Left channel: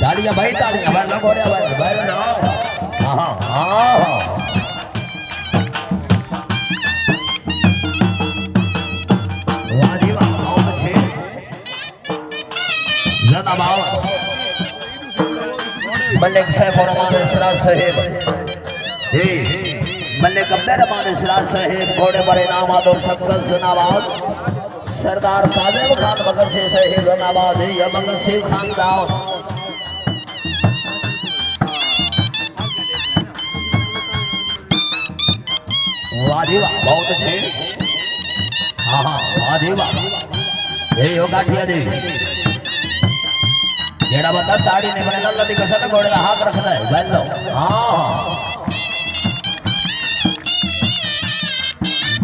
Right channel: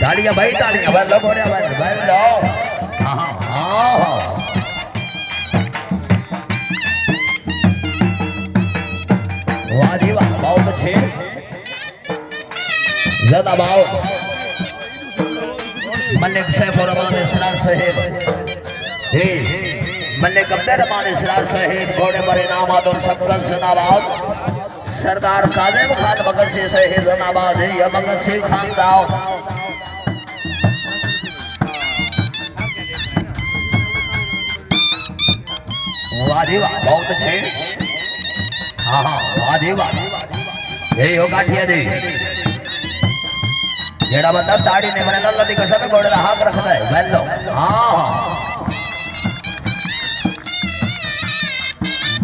तालियां भाई तालियां भाई लोग हो रहे भाई भाई लो हाँ हाँ वाह जी वाह बहुत अच्छे ज़्यादा बहुत मलिक सैफ और अमान इसरार साहिब मलिक अब्दुल अमान इसरार साहिब घोड़े बड़े नामाद और सबकल सुनाबाद सरदार काजिम खान भगत सिंह साहिब जनाबाद या भगत सिंह खान दाऊद वाह जी वाह बहुत अच्छे हाँ हाँ वाह जी वाह ये होगा ठिया जी जेड़ा बंदा दाढ़ी ने बने लल्ला दी कसम घोड़े दा हाथ रखता है बैल लो हाँ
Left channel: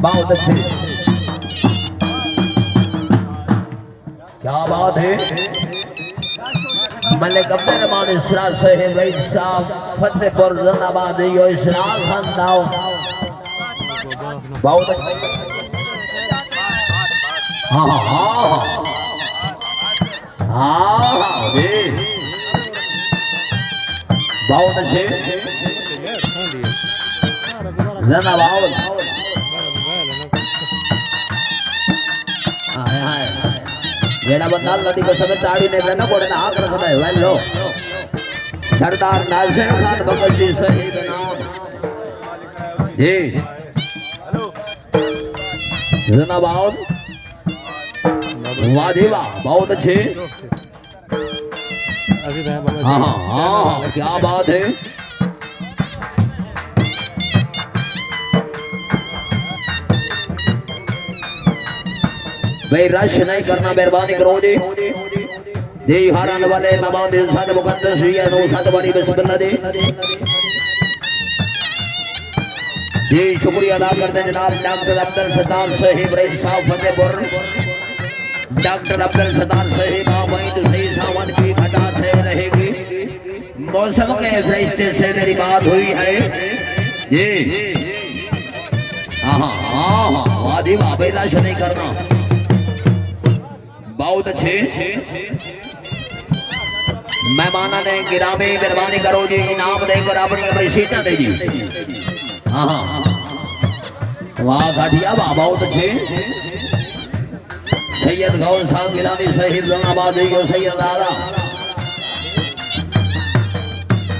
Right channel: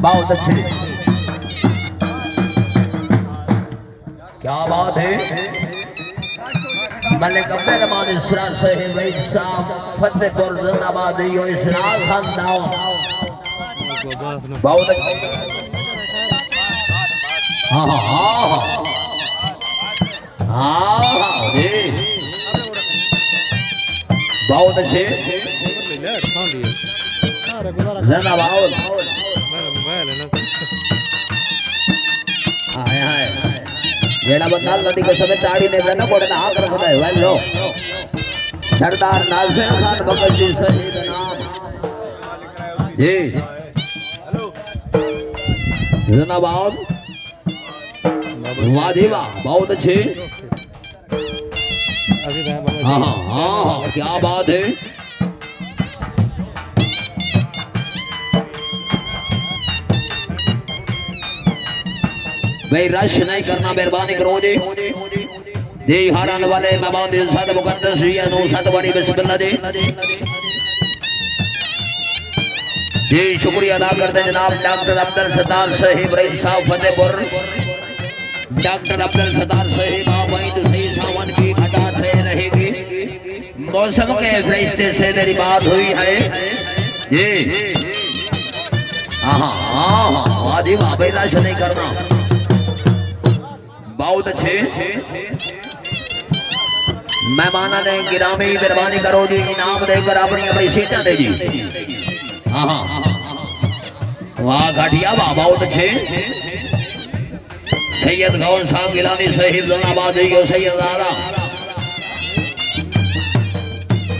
बहुत अच्छे क्या बात है मलिक अब्दुल अमान इसरार साहिब भाई साहब फतेहपुर जिंदाबाद यो इसरार खान दाऊद बहुत हाँ हाँ हाँ हाँ हाँ बहुत अच्छे जिंदाबाद हाय हाय जेड़ा बंदा लड़ी को समय ताड़ी ने बना कोड़े ना हाथ रखता है वेलो सरदार नासिर खान भगत सिंह साहिब नाम जी जिंदाबाद वाह जी वाह बहुत अच्छे हाँ हाँ हाँ क्या बात है भाई रश नहीं करना मेहरबानी करो जी जी हालान वाले मेहमान दिल साथ मुकद्दस हुई है नो साथ बड़ी बिस्मिल्लाह जी शुक्रिया अदा करते हैं जनाब डॉक्टर अब्दुल सत्तार साहिब रईस साहब फतेहपुर डॉक्टर अब्दुल सत्तार साहिब आप वहीं तो सही सावन की घटा छे रहेगी मौसम के फरिश्ते से मेरी बात हुई है जी हाँ हाँ वाह जी वाह भाई रश नहीं करना बहुत अच्छे मेहमाना ने गिरामी मेहरबानी करो जी इनाम देकर अपनी अपनी सीटें दे जी हाँ वाह घाटिया वाह बहुत अच्छे सैयद गौर साहब गिलानी साहिब जनाबाद यो सैयद आला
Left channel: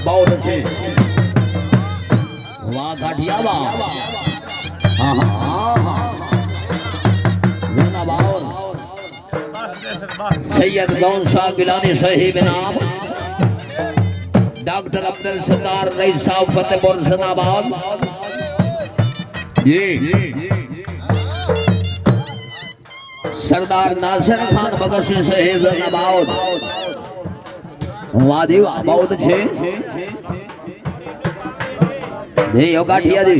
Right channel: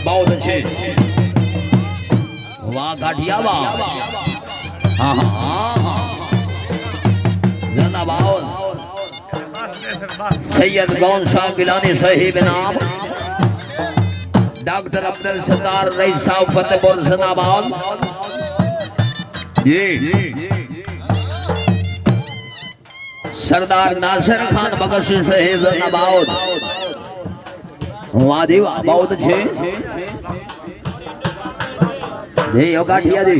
बहुत अच्छे वाह घाटिया वाह हाँ हाँ जनाबाद सैयद गौन साहब गिलानी साहिब नाम डॉक्टर अब्दुल सत्तार रईस साहब फतेहपुर जिंदाबाद जी सरदार नासिर खान भगत सिंह साहिब जिंदाबाद वाह जी वाह बहुत अच्छे जी योगा ठिया जी